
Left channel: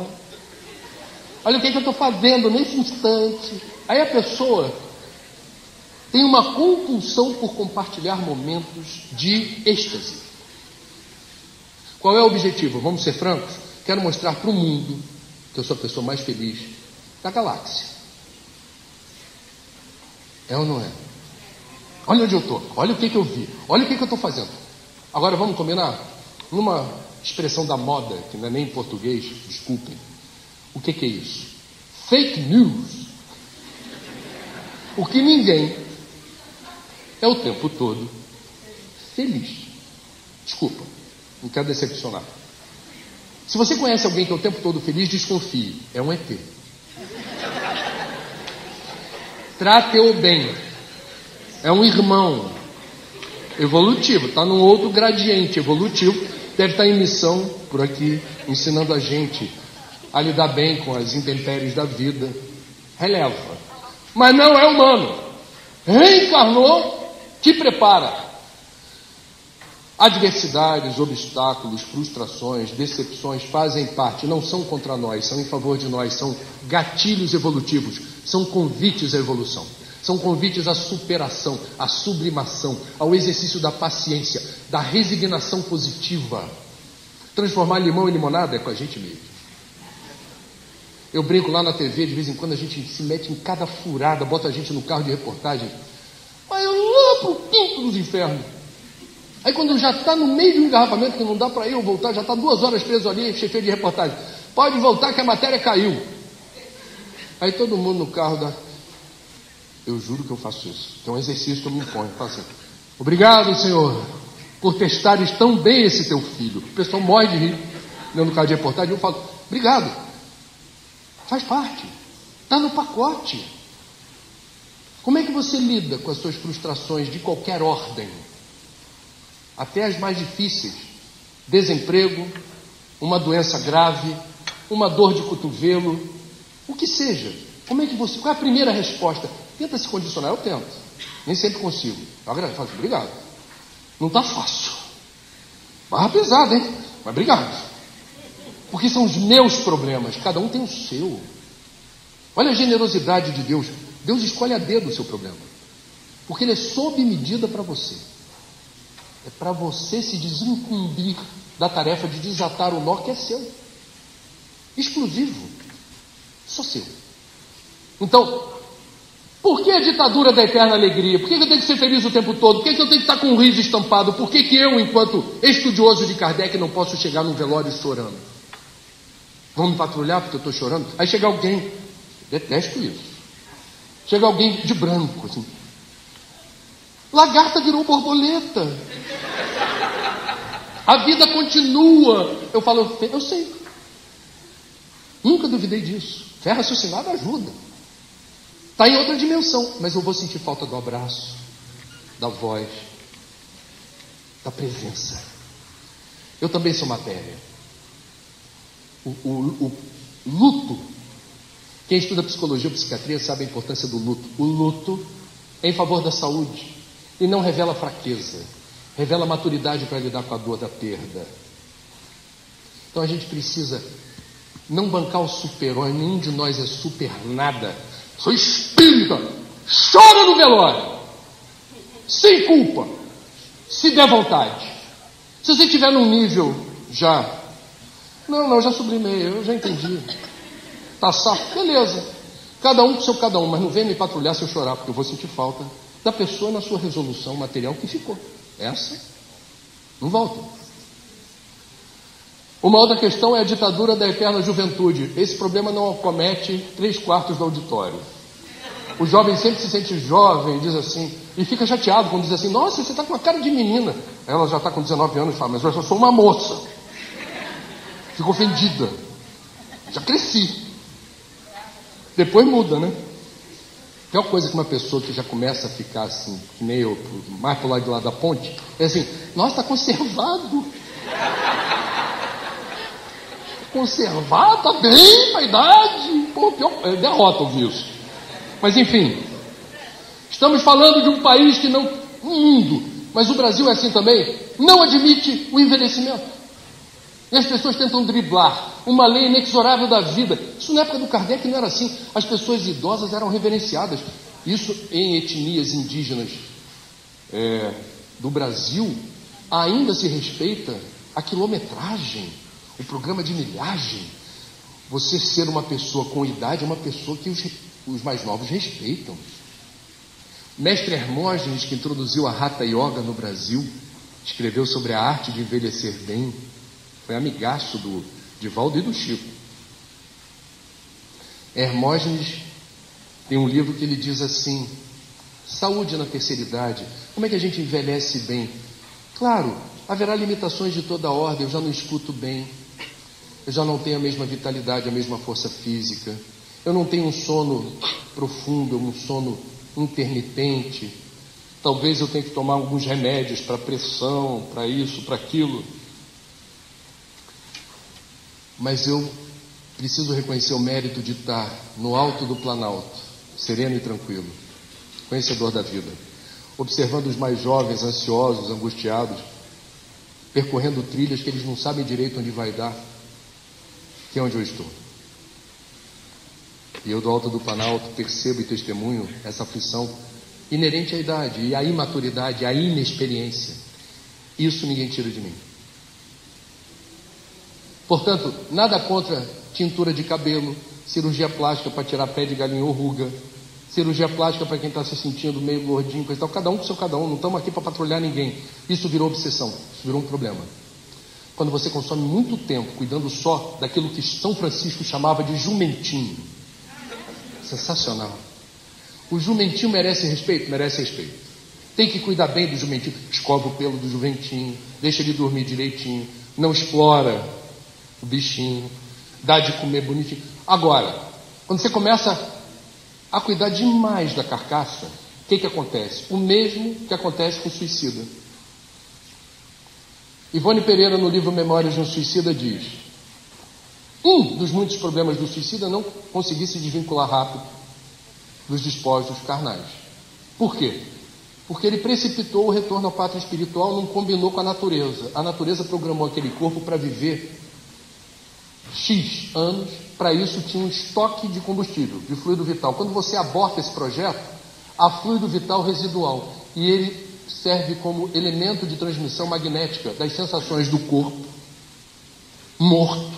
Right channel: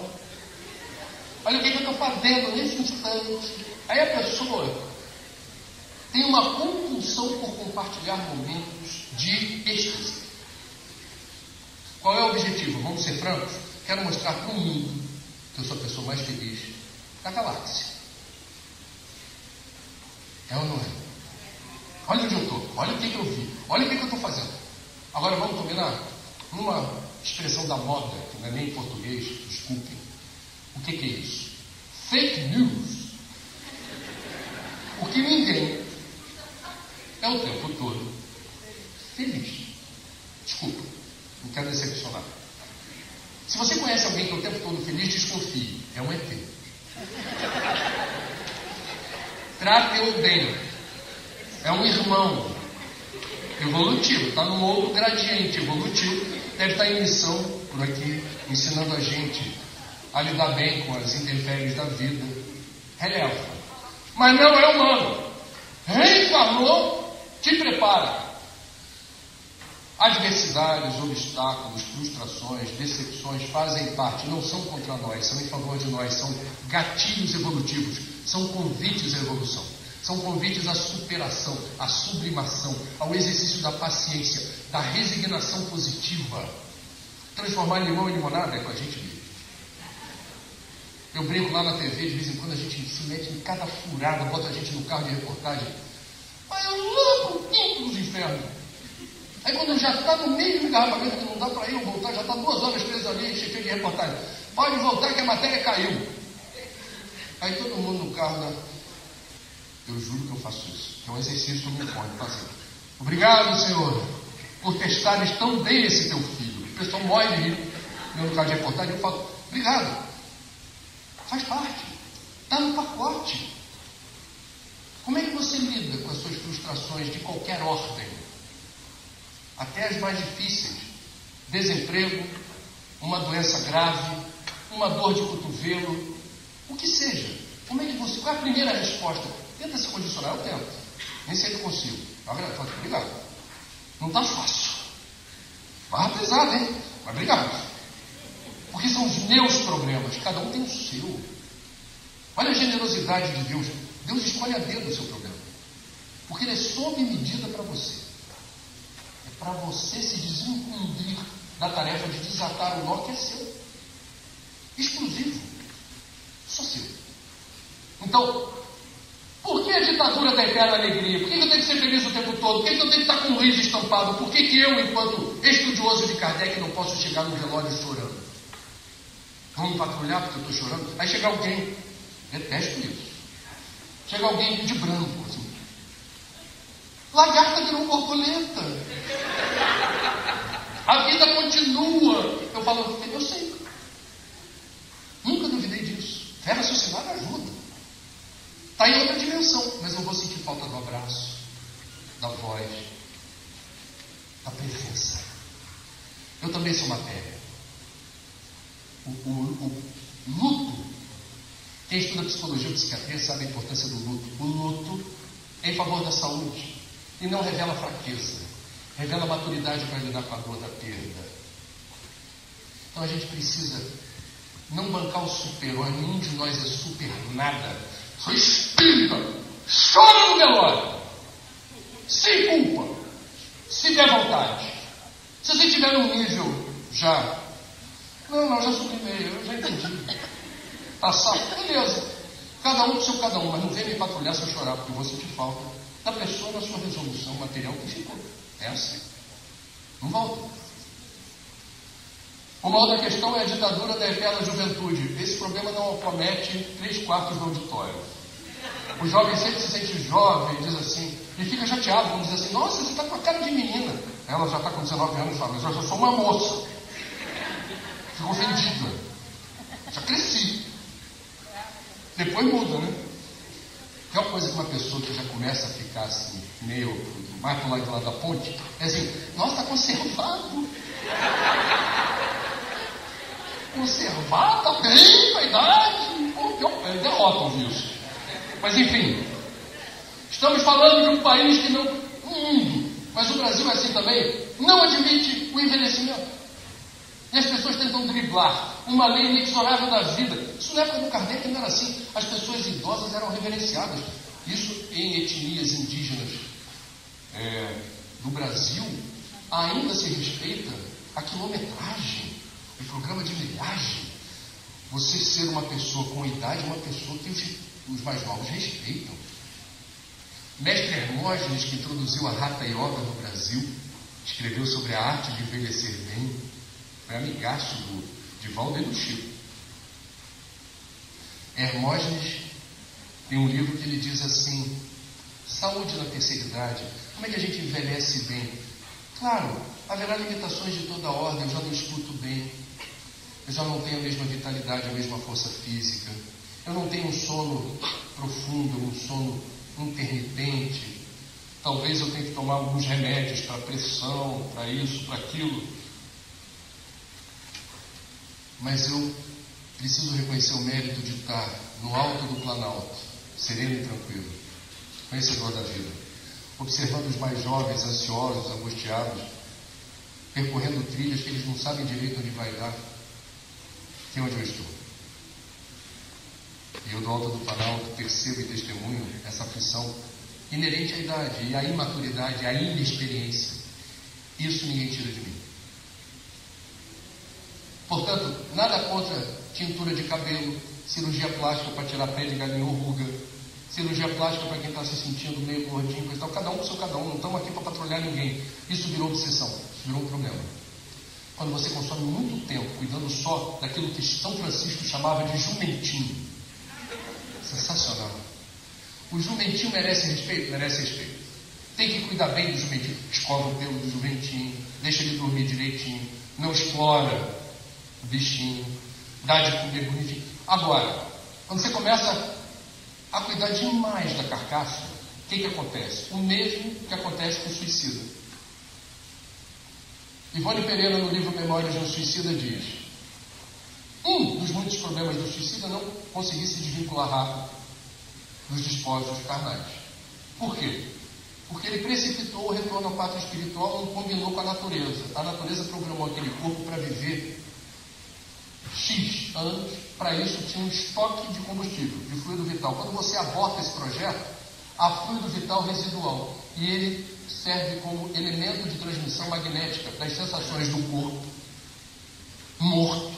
Olha o que eu estou fazendo nesse instante. Aí a pessoa tem uma compulsão por compartilhar momentos de êxtase. Qual é o objetivo? Vamos ser francos? Quero mostrar para o mundo que eu sou a pessoa mais feliz da galáxia. É ou não é? Olha onde eu estou. Olha o que eu vi. Olha o que eu estou fazendo. Agora vamos combinar? Numa expressão da moda, que não é nem em português, desculpem. O que é isso? Fake news. O que ninguém é o tempo todo feliz. Desculpa, não quero decepcionar. Se você conhece alguém que é o tempo todo feliz, desconfie. É um ET. Trate-o bem. É um irmão evolutivo. Está num outro gradiente evolutivo. Deve estar em missão por aqui, ensinando a gente a lidar bem com as intempéries da vida. Releva. Mas não é humano. Reencarnou Te prepara. Adversidades, obstáculos, frustrações, decepções fazem parte, não são contra nós, são em favor de nós, são gatilhos evolutivos, são convites à evolução, são convites à superação, à sublimação, ao exercício da paciência, da resignação positiva. Transformar limão em limonada é com a gente mesmo. Eu brinco lá na TV, de vez em quando a gente se mete em cada furada, bota a gente no carro de reportagem, mas eu lá pro quinto dos infernos. Aí quando já está no meio do engarrafamento, que não dá para eu voltar, já está 2 horas preso ali, chefe de reportagem. Pode voltar que a matéria caiu. Aí todo mundo no carro dá... Eu juro que eu faço isso. Que é um exercício que eu me imponho fazer. Obrigado, Senhor, por testares tão bem esse teu filho. O pessoal morre de rir. No carro de reportagem, eu falo, obrigado. Faz parte. Está no pacote. Como é que você lida com as suas frustrações de qualquer ordem? Até as mais difíceis, desemprego, uma doença grave, uma dor de cotovelo, o que seja. Como é que você, qual é a primeira resposta? Tenta se condicionar, eu tento. Nem sempre consigo. Agora eu falo, obrigado. Não está fácil. Barra pesada, hein? Mas obrigado. Porque são os meus problemas, cada um tem o seu. Olha a generosidade de Deus. Deus escolhe a dedo o seu problema. Porque ele é sob medida para você. É para você se desincumbir da tarefa de desatar o nó que é seu. Exclusivo. Só seu. Então, por que a ditadura da eterna alegria? Por que eu tenho que ser feliz o tempo todo? Por que eu tenho que estar com um riso estampado? Por que eu, enquanto estudioso de Kardec, não posso chegar num velório chorando? Vamos patrulhar porque eu estou chorando? Aí chega alguém, detesto isso. Chega alguém de branco, assim. Lagarta virou borboleta. A vida continua. Eu falo, eu sei. Nunca duvidei disso. Fé raciocinada ajuda. Está em outra dimensão. Mas eu vou sentir falta do abraço, da voz, da presença. Eu também sou matéria. O luto. Quem estuda psicologia ou psiquiatria sabe a importância do luto. O luto é em favor da saúde. E não revela fraqueza, revela maturidade para lidar com a dor da perda. Então a gente precisa não bancar o super-homem, nenhum de nós é super nada. Sou espírita, chora no velório, sem culpa, se der vontade. Se você estiver num nível já, não, já sublimei, eu já entendi. Tá saco, beleza. Cada um com seu cada um, mas não vem me patrulhar se eu chorar, porque eu vou sentir falta da pessoa na sua resolução material que ficou. Essa não volta. Uma outra questão é a ditadura da eterna juventude. Esse problema não acomete 3/4 do auditório. O jovem sempre se sente jovem, diz assim, e fica chateado quando diz assim, nossa, você está com a cara de menina. Ela já está com 19 anos e fala, mas eu já sou uma moça. Fico ofendida. Já cresci. Depois muda, né? Tem uma coisa que uma pessoa que já começa a ficar assim, que nem eu, mais pro lado de lá da ponte, é assim, nossa, está conservado. Conservado, tá bem, a idade. Pô, é derrota ouvir isso. Mas enfim, estamos falando de um país que não, um mundo, mas o Brasil é assim também, não admite o envelhecimento. E as pessoas tentam driblar uma lei inexorável da vida. Isso na época do Kardec não era assim. As pessoas idosas eram reverenciadas. Isso em etnias indígenas do Brasil ainda se respeita a quilometragem, o programa de milhagem. Você ser uma pessoa com idade é uma pessoa que os mais novos respeitam. Mestre Hermógenes, que introduziu a Hatha Yoga no Brasil, escreveu sobre a arte de envelhecer bem. Foi amigaço do Divaldo e do Chico. Hermógenes tem um livro que ele diz assim, saúde na terceira idade, como é que a gente envelhece bem? Claro, haverá limitações de toda ordem, eu já não escuto bem, eu já não tenho a mesma vitalidade, a mesma força física, eu não tenho um sono profundo, um sono intermitente, talvez eu tenha que tomar alguns remédios para pressão, para isso, para aquilo. Mas eu preciso reconhecer o mérito de estar no alto do Planalto, sereno e tranquilo, conhecedor da vida. observando os mais jovens, ansiosos, angustiados, percorrendo trilhas que eles não sabem direito onde vai dar, que é onde eu estou. E eu, do alto do Planalto, percebo e testemunho essa aflição inerente à idade, e à imaturidade, à inexperiência. Isso ninguém tira de mim. Portanto, nada contra tintura de cabelo, cirurgia plástica para tirar pé de galinha ou ruga, cirurgia plástica para quem está se sentindo meio gordinho, coisa e tal. Cada um com seu cada um, não estamos aqui para patrulhar ninguém. Isso virou obsessão, isso virou um problema. Quando você consome muito tempo cuidando só daquilo que São Francisco chamava de jumentinho. Sensacional. O jumentinho merece respeito? Merece respeito. Tem que cuidar bem do jumentinho. Escova o pelo do jumentinho, deixa ele dormir direitinho, não explora o bichinho, dá de comer bonitinho. Agora, quando você começa a cuidar demais da carcaça, o que acontece? O mesmo que acontece com o suicida. Ivone Pereira, no livro Memórias de um Suicida, diz: um dos muitos problemas do suicida é não conseguir se desvincular rápido dos despojos carnais. Por quê? Porque ele precipitou o retorno à pátria espiritual, não combinou com a natureza. A natureza programou aquele corpo para viver X anos, para isso tinha um estoque de combustível, de fluido vital. Quando você aborta esse projeto, há fluido vital residual, e ele serve como elemento de transmissão magnética das sensações do corpo morto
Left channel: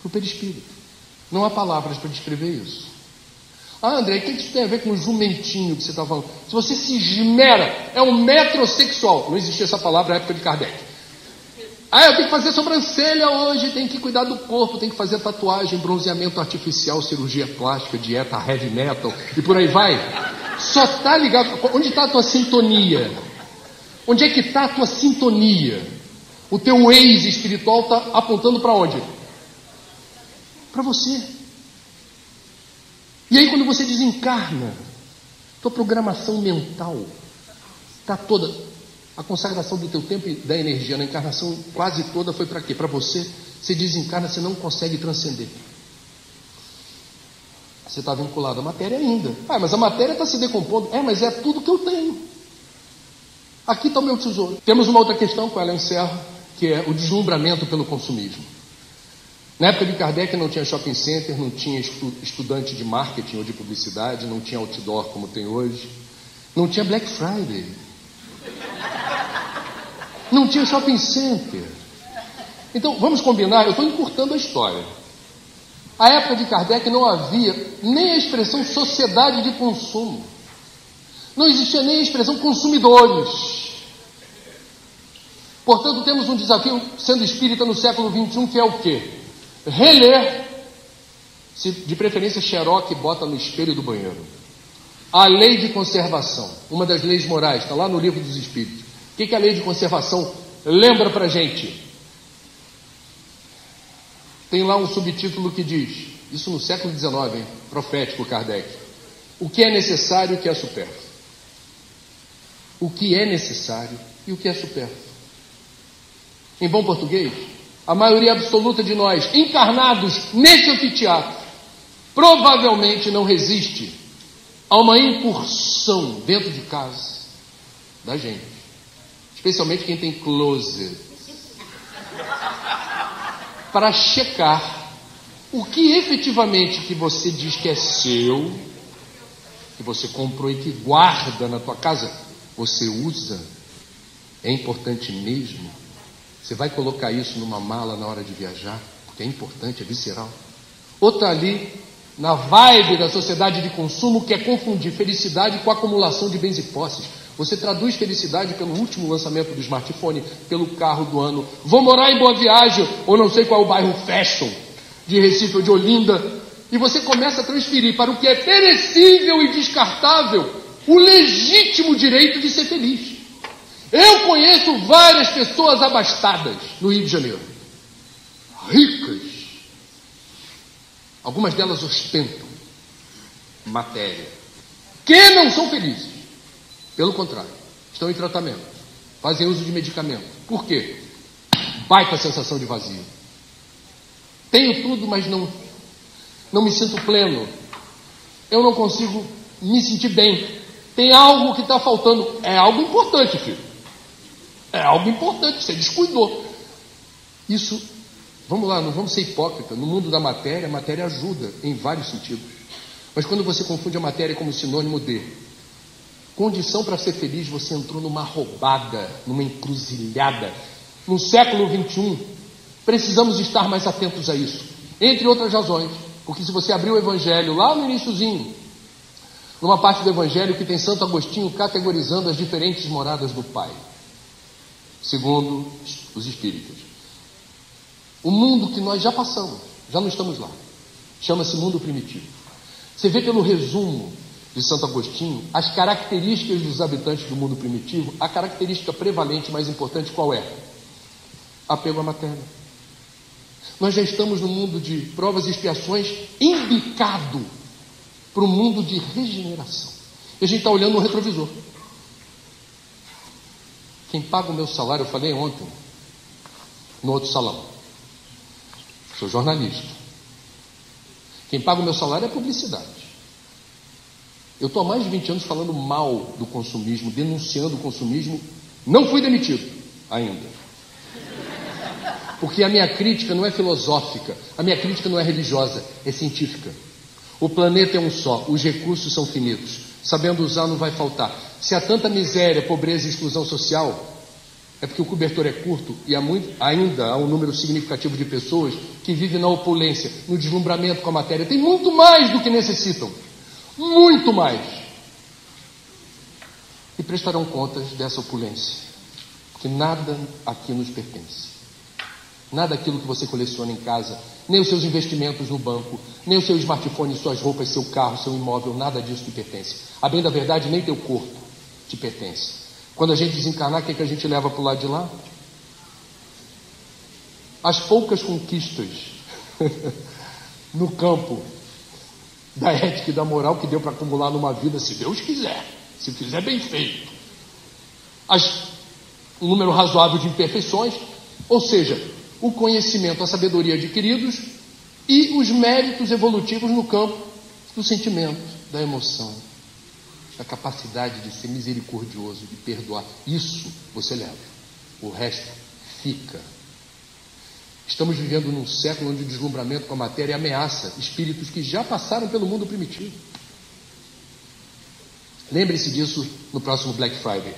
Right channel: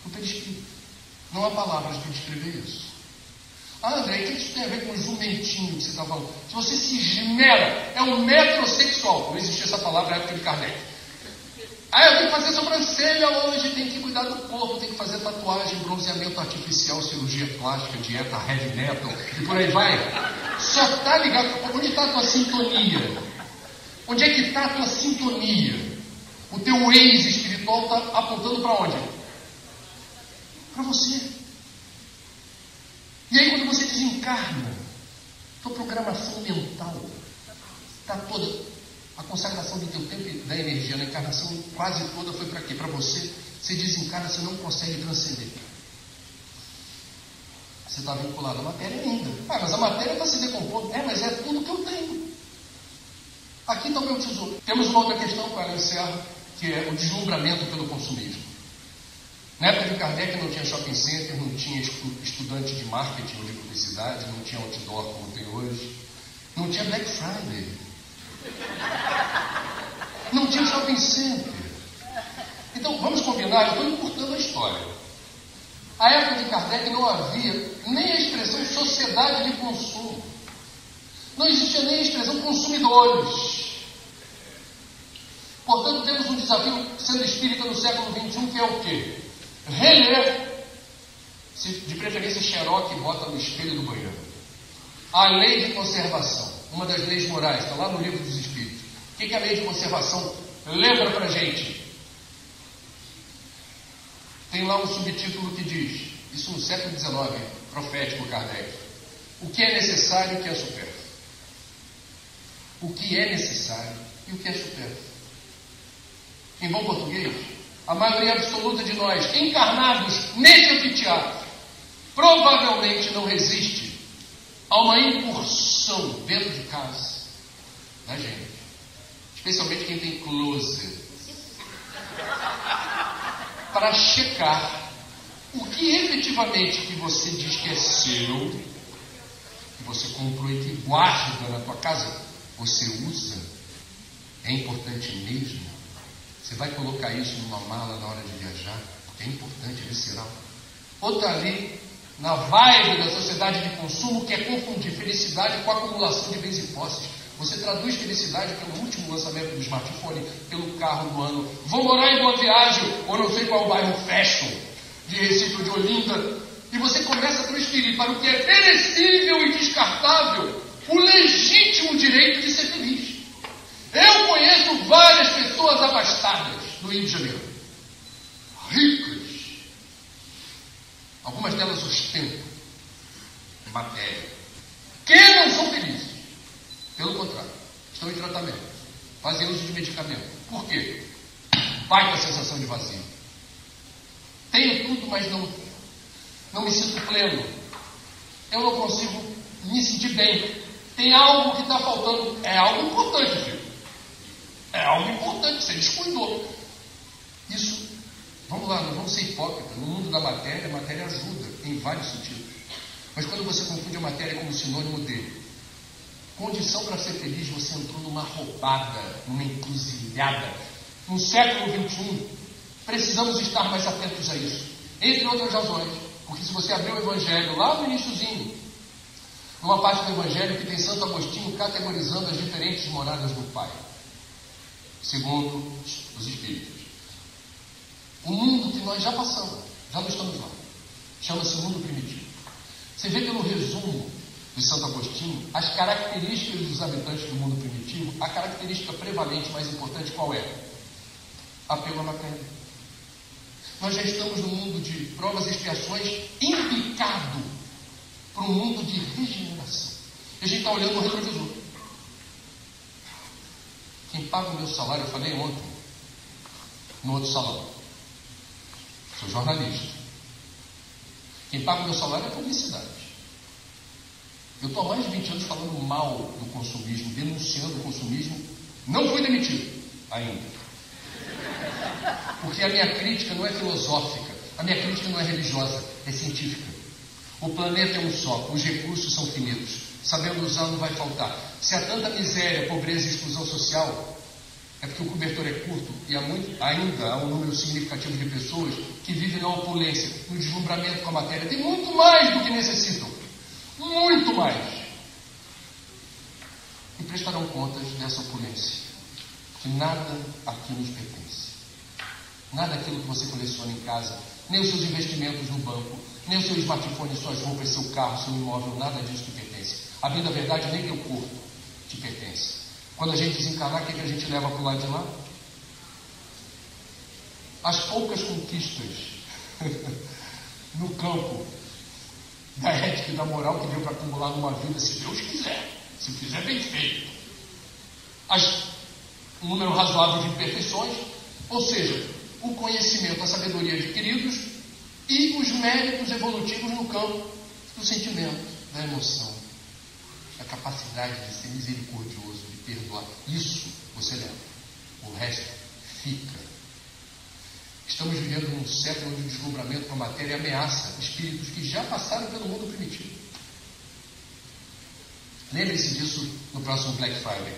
para o perispírito. Não há palavras para descrever isso. Ah, André, o que isso tem a ver com o jumentinho que você está falando? Se você se esmera, é um metrosexual. Não existia essa palavra na época de Kardec. Ah, eu tenho que fazer sobrancelha hoje, tem que cuidar do corpo, tem que fazer tatuagem, bronzeamento artificial, cirurgia plástica, dieta heavy metal e por aí vai. Só está ligado. Onde está a tua sintonia? Onde é que está a tua sintonia? O teu Waze espiritual está apontando para onde? Para você. E aí quando você desencarna, tua programação mental está toda. A consagração do teu tempo e da energia na encarnação quase toda foi para quê? Para você. Você desencarna, você não consegue transcender. Você está vinculado à matéria ainda. Ah, mas a matéria está se decompondo. Mas é tudo que eu tenho. Aqui está o meu tesouro. Temos uma outra questão, com ela eu encerro, que é o deslumbramento pelo consumismo. Na época de Kardec não tinha shopping center, não tinha estudante de marketing ou de publicidade, não tinha outdoor como tem hoje, não tinha Black Friday. Não tinha shopping center. Então, vamos combinar, eu estou encurtando a história. A época de Kardec não havia nem a expressão sociedade de consumo. Não existia nem a expressão consumidores. Portanto, temos um desafio, sendo espírita no século XXI, que é o quê? Reler, se de preferência Xerox, bota no espelho do banheiro, a lei de conservação, uma das leis morais, está lá no Livro dos Espíritos. O que é a lei de conservação? Lembra para a gente. Tem lá um subtítulo que diz, isso no século XIX, hein? Profético Kardec, o que é necessário e o que é supérfluo. O que é necessário e o que é supérfluo. Em bom português, a maioria absoluta de nós, encarnados nesse anfiteatro, provavelmente não resiste a uma incursão dentro de casa da gente, especialmente quem tem closet, para checar o que efetivamente que você diz que é seu, que você comprou e que guarda na tua casa, você usa, é importante mesmo. Você vai colocar isso numa mala na hora de viajar, porque é importante, é visceral. Ou está ali na vibe da sociedade de consumo, que é confundir felicidade com acumulação de bens e posses. Você traduz felicidade pelo último lançamento do smartphone, pelo carro do ano. Vou morar em Boa Viagem, ou não sei qual é o bairro fashion, de Recife ou de Olinda. E você começa a transferir para o que é perecível e descartável o legítimo direito de ser feliz. Eu conheço várias pessoas abastadas no Rio de Janeiro. Ricas. Algumas delas ostentam matéria. Que não são felizes. Pelo contrário, estão em tratamento. Fazem uso de medicamento. Por quê? Baita sensação de vazio. Tenho tudo, mas não me sinto pleno. Eu não consigo me sentir bem. Tem algo que está faltando. É algo importante, filho. É algo importante, você descuidou. Isso, vamos lá, não vamos ser hipócritas. No mundo da matéria, a matéria ajuda em vários sentidos. Mas quando você confunde a matéria como sinônimo de condição para ser feliz, você entrou numa roubada, numa encruzilhada. No século XXI, precisamos estar mais atentos a isso. Entre outras razões, porque se você abrir o Evangelho lá no iniciozinho, numa parte do Evangelho que tem Santo Agostinho categorizando as diferentes moradas do Pai, segundo os Espíritos. O mundo que nós já passamos, já não estamos lá, chama-se mundo primitivo. Você vê pelo resumo de Santo Agostinho as características dos habitantes do mundo primitivo. A característica prevalente, mais importante, qual é? Apego à matéria. Nós já estamos no mundo de provas e expiações embicado para o mundo de regeneração. E a gente está olhando no retrovisor. Quem paga o meu salário, eu falei ontem, no outro salão, sou jornalista. Quem paga o meu salário é a publicidade. Eu estou há mais de 20 anos falando mal do consumismo, denunciando o consumismo. Não fui demitido ainda. Porque a minha crítica não é filosófica, a minha crítica não é religiosa, é científica. O planeta é um só, os recursos são finitos. Sabendo usar não vai faltar. Se há tanta miséria, pobreza e exclusão social, é porque o cobertor é curto e ainda há um número significativo de pessoas que vivem na opulência, no deslumbramento com a matéria. Tem muito mais do que necessitam. Muito mais. E prestarão contas dessa opulência. Que nada aqui nos pertence. Nada daquilo que você coleciona em casa, nem os seus investimentos no banco, nem o seu smartphone, suas roupas, seu carro, seu imóvel, nada disso te pertence. A bem da verdade, nem teu corpo te pertence. Quando a gente desencarnar, o que a gente leva para o lado de lá? As poucas conquistas no campo da ética e da moral que deu para acumular numa vida, se Deus quiser, se quiser bem feito. Um número razoável de imperfeições, ou seja, o conhecimento, a sabedoria adquiridos e os méritos evolutivos no campo do sentimento, da emoção, da capacidade de ser misericordioso, de perdoar. Isso você leva. O resto fica. Estamos vivendo num século onde o deslumbramento com a matéria ameaça espíritos que já passaram pelo mundo primitivo. Lembre-se disso no próximo Black Friday.